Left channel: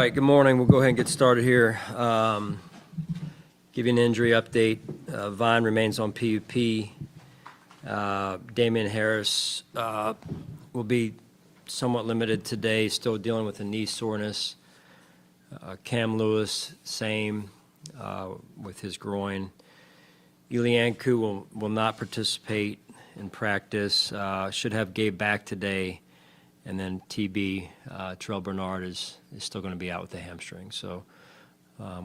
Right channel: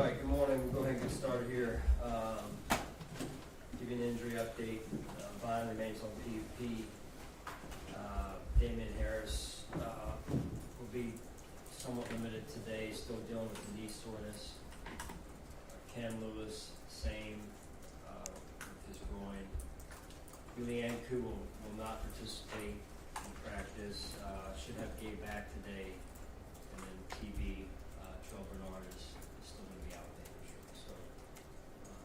right, good morning. We'll go ahead and get started here. Give you an injury update. Vine remains on PUP. Damian Harris will be somewhat limited today, still dealing with a knee soreness. Cam Lewis, same with his groin. Ilianku will not participate in practice. Should have Gabe back today. And then TB, Terrell Bernard is still going to be out with the hamstring. So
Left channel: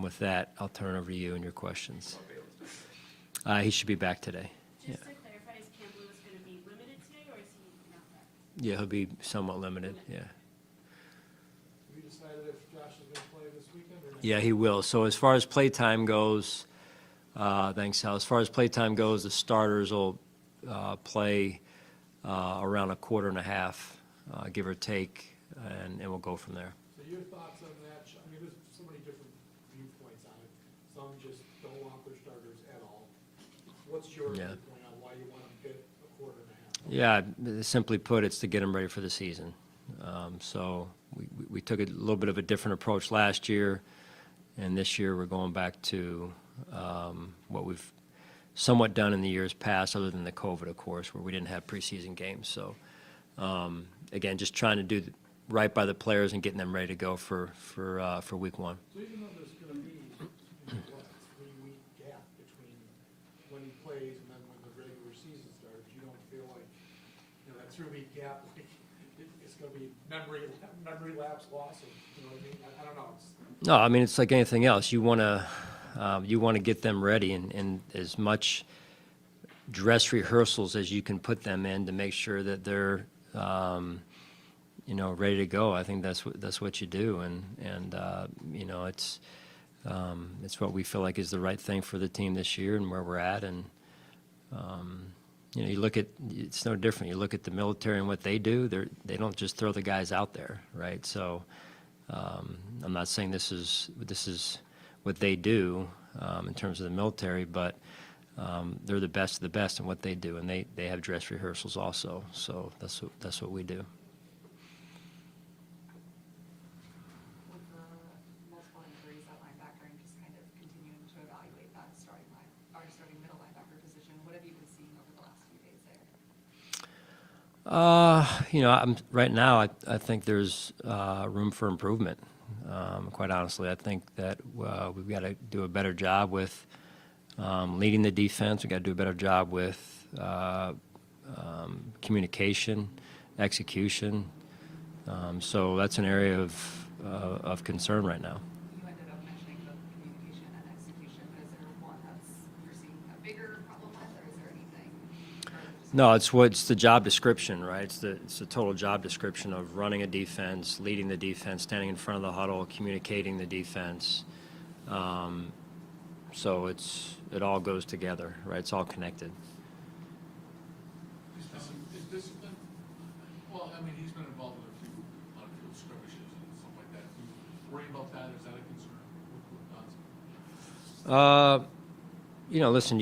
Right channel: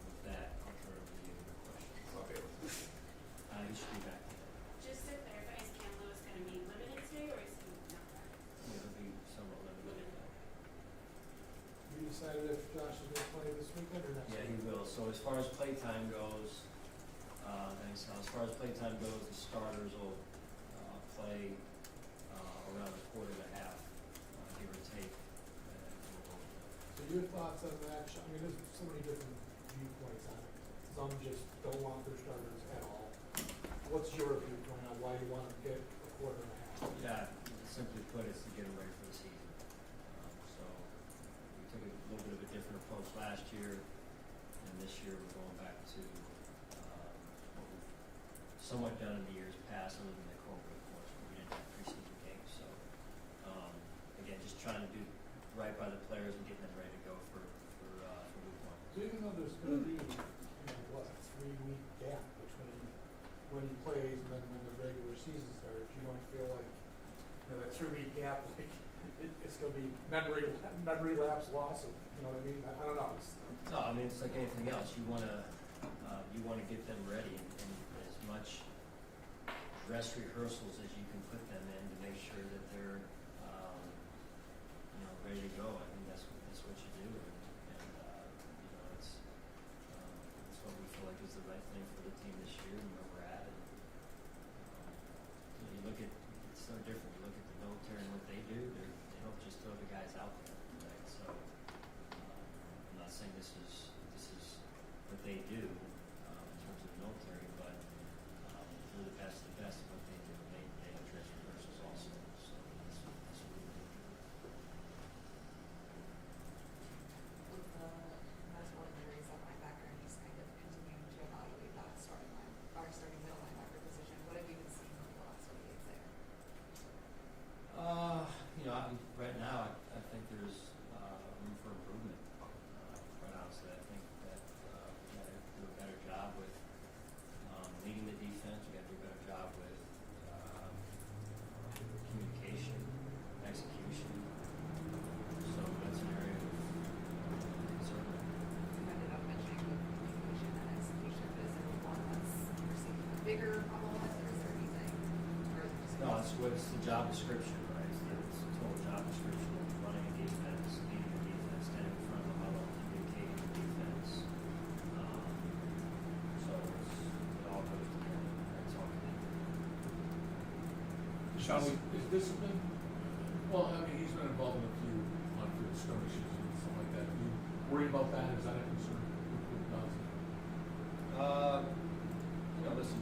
with that, I'll turn it over to you and your questions. He should be back today. Just to clarify, is Cam Lewis going to be limited today, or is he not practicing? Yeah, he'll be somewhat limited, yeah. You decided if Josh is going to play this weekend or not? Yeah, he will. So as far as playtime goes, thanks, Hal. As far as playtime goes, the starters will play around a quarter and a half, give or take, and we'll go from there. So your thoughts on the match? I mean, there's so many different viewpoints on it. Some just don't want their starters at all. What's your viewpoint on why you want to get a quarter and a half? Yeah, simply put, it's to get them ready for the season. So we took a little bit of a different approach last year, and this year we're going back to what we've somewhat done in the years past, other than the COVID, of course, where we didn't have preseason games. So again, just trying to do right by the players and getting them ready to go for week one. So even though there's going to be, a 3-week gap between when he plays and then when the regular season starts, you don't feel like, that 3-week gap, like, it's going to be non-relapse loss, or, you know what I mean? I don't know. No, I mean, it's like anything else. You want to get them ready and as much dress rehearsals as you can put them in to make sure that they're ready to go. I think that's what you do, and it's what we feel like is the right thing for the team this year and where we're at. And you look at, it's no different. You look at the military and what they do. They don't just throw the guys out there, right? So I'm not saying this is what they do in terms of the military, but they're the best of the best in what they do, and they have dress rehearsals also. So that's what we do. Right now, I think there's room for improvement. Quite honestly, I think that we've got to do a better job with leading the defense. We've got to do a better job with communication, execution. So that's an area of concern right now. No, it's the job description, right? It's the total job description of running a defense, leading the defense, standing in front of the huddle, communicating the defense. So it all goes together, right? It's all connected. Sean, is discipline? Well, I mean, he's been involved in a few on-field skirmishes and stuff like that. Do you worry about that? Is that a concern? Listen,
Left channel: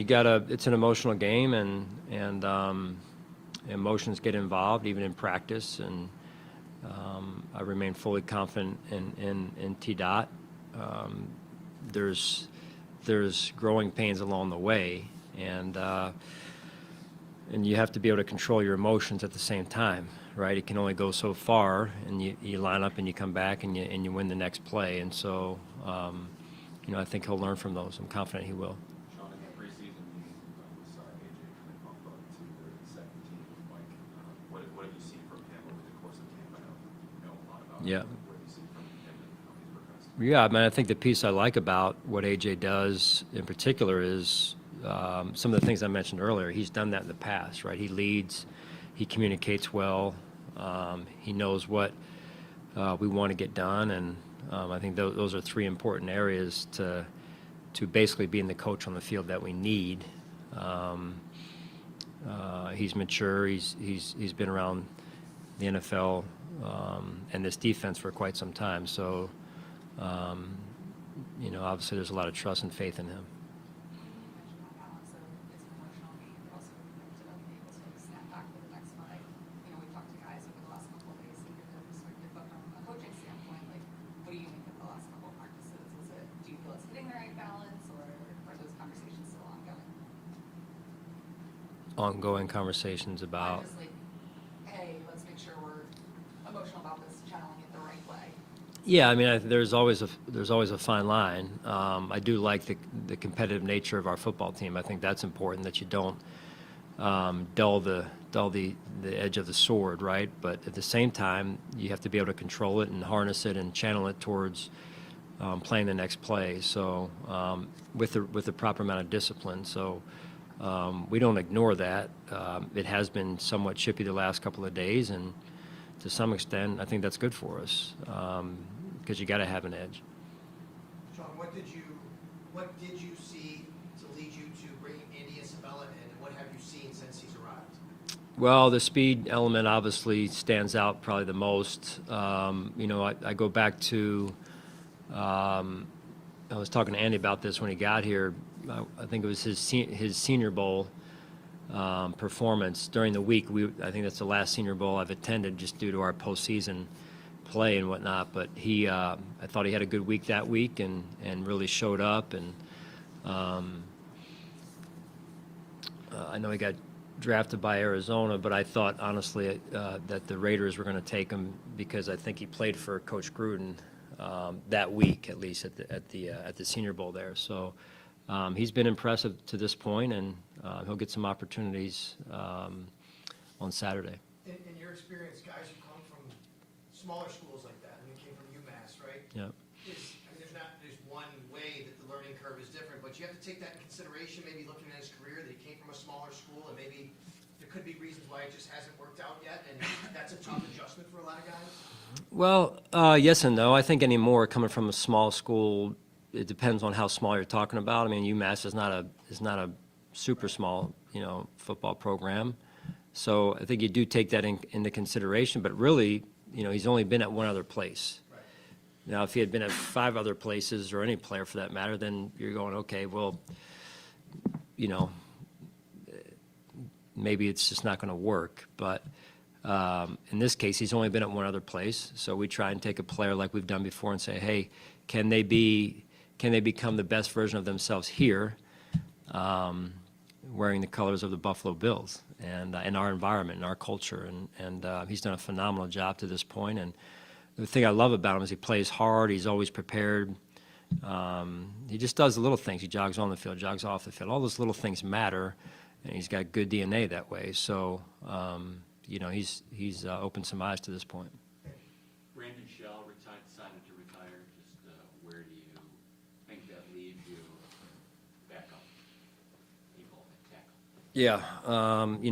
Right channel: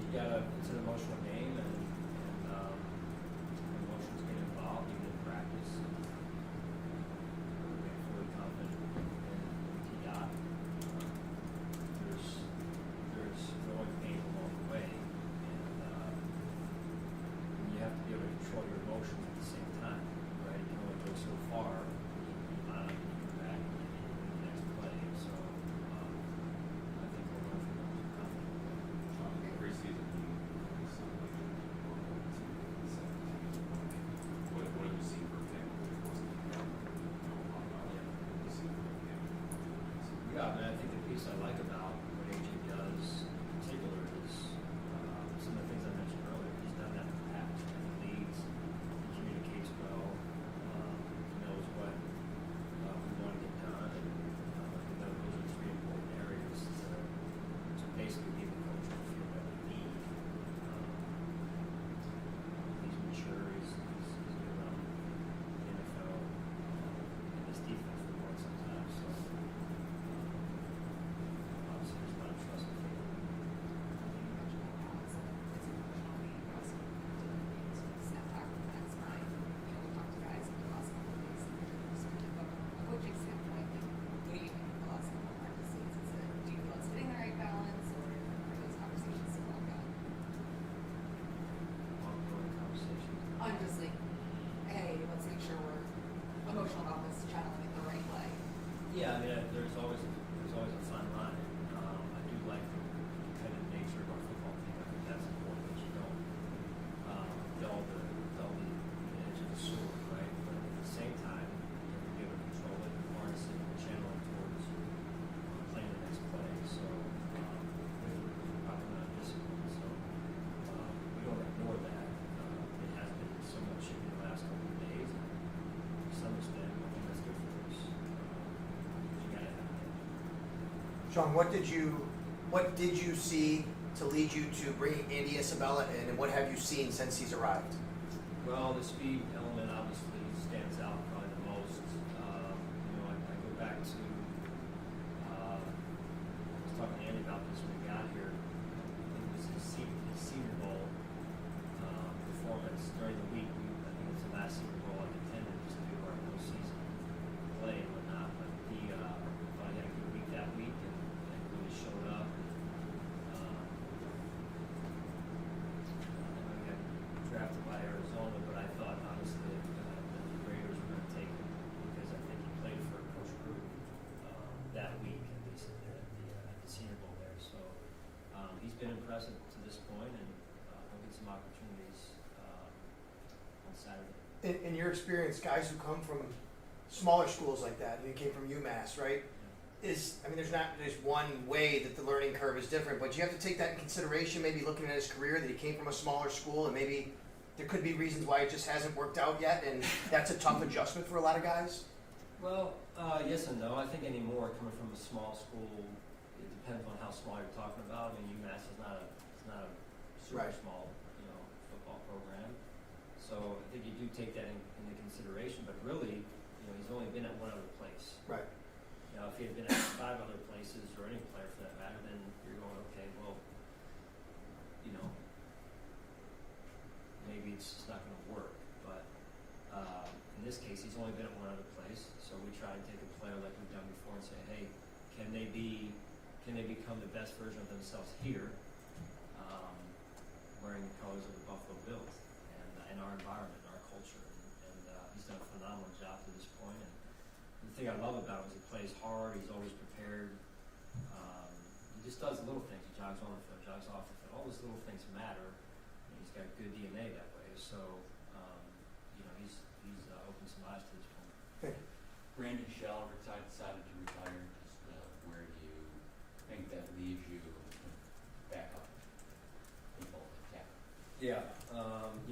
it's an emotional game, and emotions get involved even in practice, and I remain fully confident in T-Dot. There's growing pains along the way, and you have to be able to control your emotions at the same time, right? It can only go so far, and you line up and you come back and you win the next play, and so I think he'll learn from those. I'm confident he will. Yeah, I mean, I think the piece I like about what AJ does in particular is some of the things I mentioned earlier. He's done that in the past, right? He leads, he communicates well, he knows what we want to get done, and I think those are three important areas to basically being the coach on the field that we need. He's mature. He's been around the NFL and this defense for quite some time. So, obviously there's a lot of trust and faith in him. ongoing conversations about. I'm just like, hey, let's make sure we're emotional about this, channeling it the right way. Yeah, I mean, there's always a fine line. I do like the competitive nature of our football team. I think that's important, that you don't dull the edge of the sword, right? But at the same time, you have to be able to control it and harness it and channel it towards playing the next play. So with the proper amount of discipline. So we don't ignore that. It has been somewhat chippy the last couple of days, and to some extent, I think that's good for us, because you got to have an edge. Sean, what did you see to lead you to bringing Andy Isabella in, and what have you seen since he's arrived? Well, the speed element obviously stands out probably the most. I go back to, I was talking to Andy about this when he got here. I think it was his Senior Bowl performance during the week. I think that's the last Senior Bowl I've attended, just due to our postseason play and whatnot. But I thought he had a good week that week and really showed up. And I know he got drafted by Arizona, but I thought honestly that the Raiders were going to take him, because I think he played for Coach Gruden that week, at least at the Senior Bowl there. So he's been impressive to this point, and he'll get some opportunities on Saturday. In your experience, guys who come from smaller schools like that, and you came from UMass, right? Yeah. There's one way that the learning curve is different, but you have to take that in consideration, maybe looking at his career, that he came from a smaller school, and maybe there could be reasons why it just hasn't worked out yet, and that's a tough adjustment for a lot of guys. Well, yes and no. I think anymore, coming from a small school, it depends on how small you're talking about. I mean, UMass is not a super Right. small, football program. So I think you do take that into consideration. But really, he's only been at one other place. Right. Now, if he had been at 5 other places, or any player for that matter, then you're going, okay, well, maybe it's just not going to work. But in this case, he's only been at one other place. So we try and take a player like we've done before and say, hey, can they become the best version of themselves here, wearing the colors of the Buffalo Bills and in our environment, in our culture? And he's done a phenomenal job to this point. And the thing I love about him is he plays hard. He's always prepared. He just does the little things. He jogs on the field, jogs off the field. All those little things matter, and he's got good DNA that way. So, he's opened some eyes to this point. Brandon Shell decided to retire. Just where do you think that leaves you back up people at tackle? Yeah,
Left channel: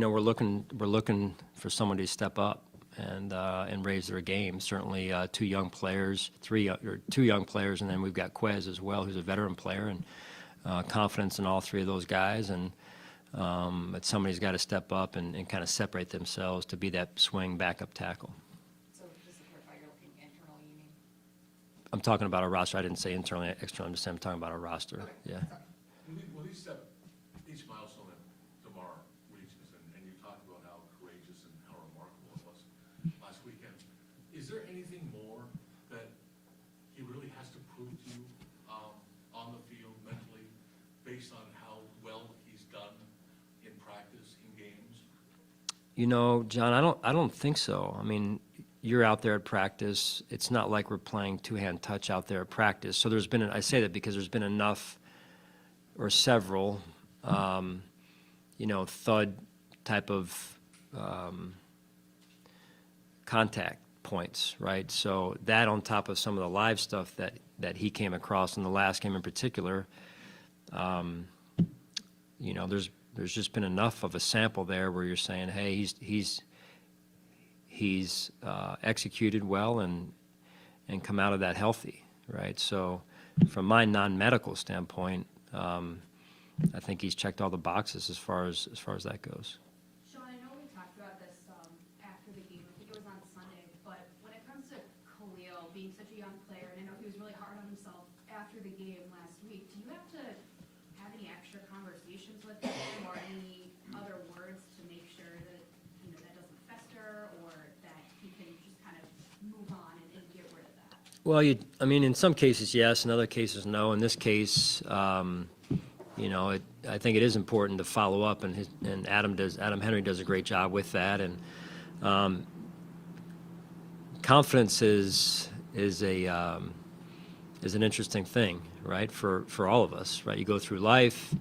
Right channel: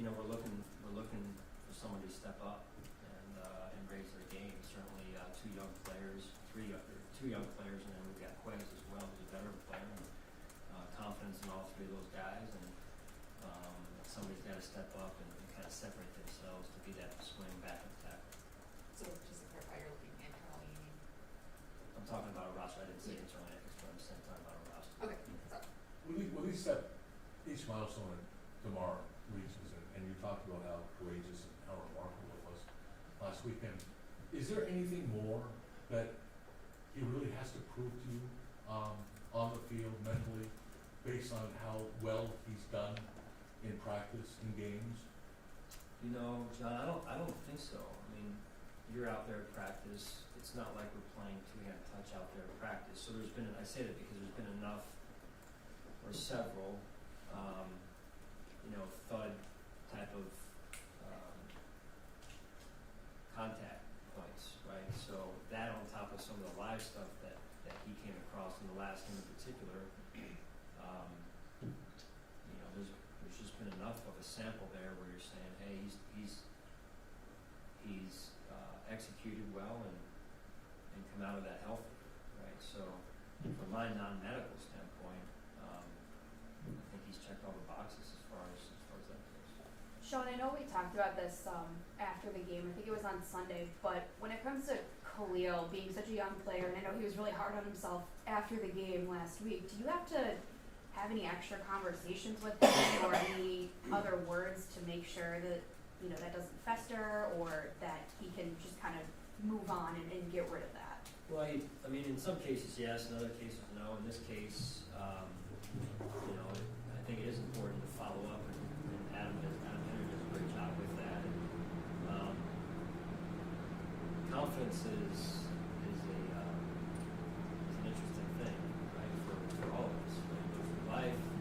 we're looking for somebody to step up and raise their game. Certainly, two young players, and then we've got Quez as well, who's a veteran player, and confidence in all 3 of those guys. And but somebody's got to step up and kind of separate themselves to be that swing backup tackle. So just to clarify, you're looking internally. I'm talking about a roster. I didn't say internally, externally. I'm talking about a roster. Okay. Yeah. Will he step each milestone tomorrow reaches, and you talked about how courageous and how remarkable it was last weekend. Is there anything more that he really has to prove to you on the field mentally, based on how well he's done in practice, in games? John, I don't think so. I mean, you're out there at practice. It's not like we're playing two-hand touch out there at practice. So I say that because there's been enough, or several, thud type of contact points, right? So that, on top of some of the live stuff that he came across in the last game in particular, there's just been enough of a sample there where you're saying, hey, he's executed well and come out of that healthy, right? So from my non-medical standpoint, I think he's checked all the boxes as far as that goes. Sean, I know we talked about this after the game. I think it was on Sunday. But when it comes to Khalil being such a young player, and I know he was really hard on himself after the game last week, do you have to have any extra conversations with him, or any other words to make sure that that doesn't fester, or that he can just kind of move on and get rid of that? Well, in some cases, yes. In other cases, no. In this case, I think it is important to follow up, and Adam Henry does a great job with that. And confidence is an interesting thing, right? For all of us, right? You go through life,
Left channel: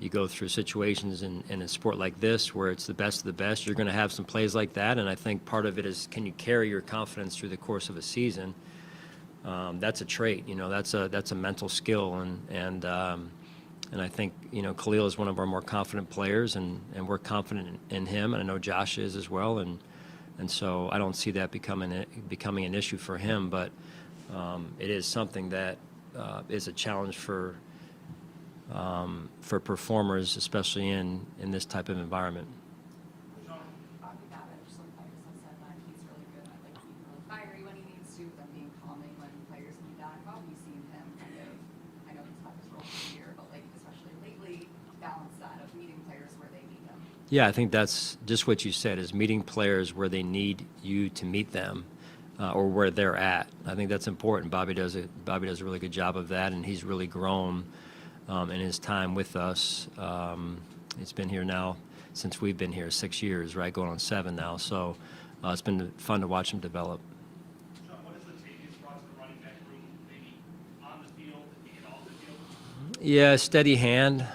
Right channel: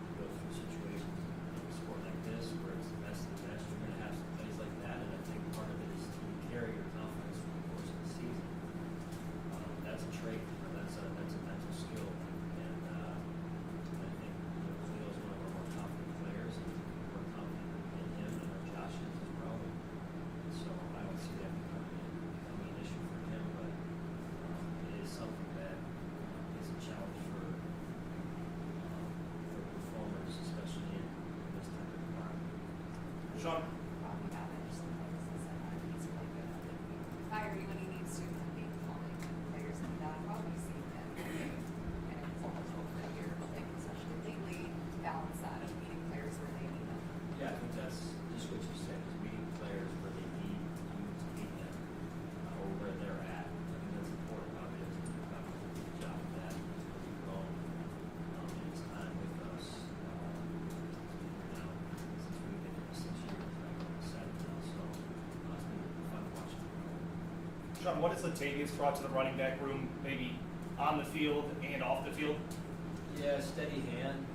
you go through situations in a sport like this where it's the best of the best. You're going to have some plays like that, and I think part of it is, can you carry your confidence through the course of a season? That's a trait, that's a mental skill, and I think Khalil is one of our more confident players, and we're confident in him, and I know Josh is as well, and so I don't see that becoming an issue for him, but it is something that is a challenge for performers, especially in this type of environment. Sean? Average sometimes he's really good at it. I agree when he needs to, when game calming, when players come down. I've always seen him kind of almost over the year, but like especially lately, balance that of meeting players where they need them. Yeah, I think that's just what you said, is meeting players where they need you to meet them, or where they're at. I think that's important. Bobby does a really good job of that, and he's really grown in his time with us. He's been here now since we've been here 6 years, right, going on 7 now. So it's been fun to watch him develop. Sean, what has Latavius brought to the running back room, maybe on the field and off the field? Yeah, steady hand.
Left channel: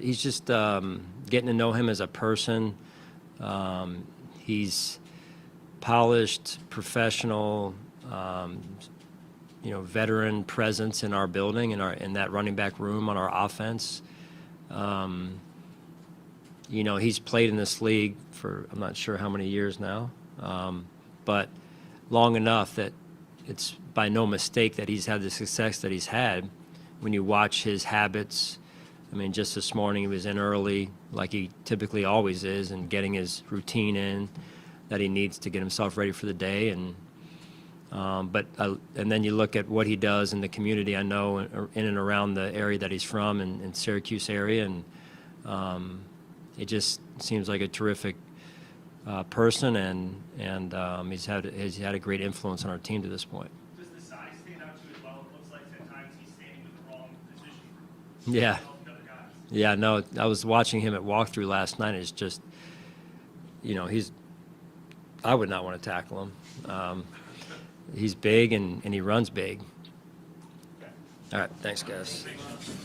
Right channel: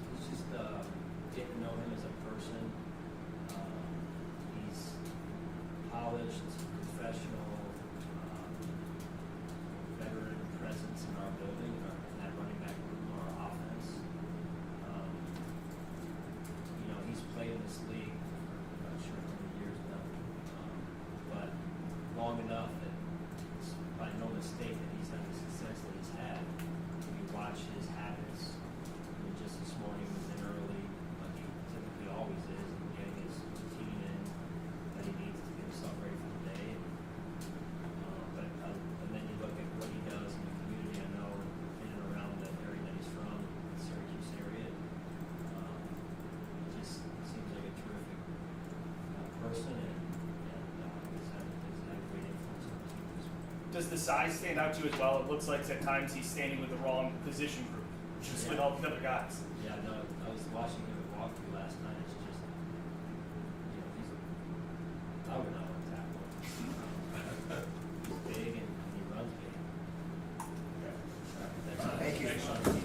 He's just getting to know him as a person. He's polished, professional, veteran presence in our building, in that running back room on our offense. He's played in this league for I'm not sure how many years now, but long enough that it's by no mistake that he's had the success that he's had. When you watch his habits, I mean, just this morning he was in early, like he typically always is, and getting his routine in that he needs to get himself ready for the day. And then you look at what he does in the community. I know in and around the area that he's from, in Syracuse area, and it just seems like a terrific person, and he's had a great influence on our team to this point. Does the size stand out to you as well? It looks like at times he's standing with the wrong position group. Yeah. With all the other guys. Yeah, no, I was watching him at walkthrough last night. It's just, I would not want to tackle him. He's big and he runs big. All right, thanks, guys. Thanks, Sean.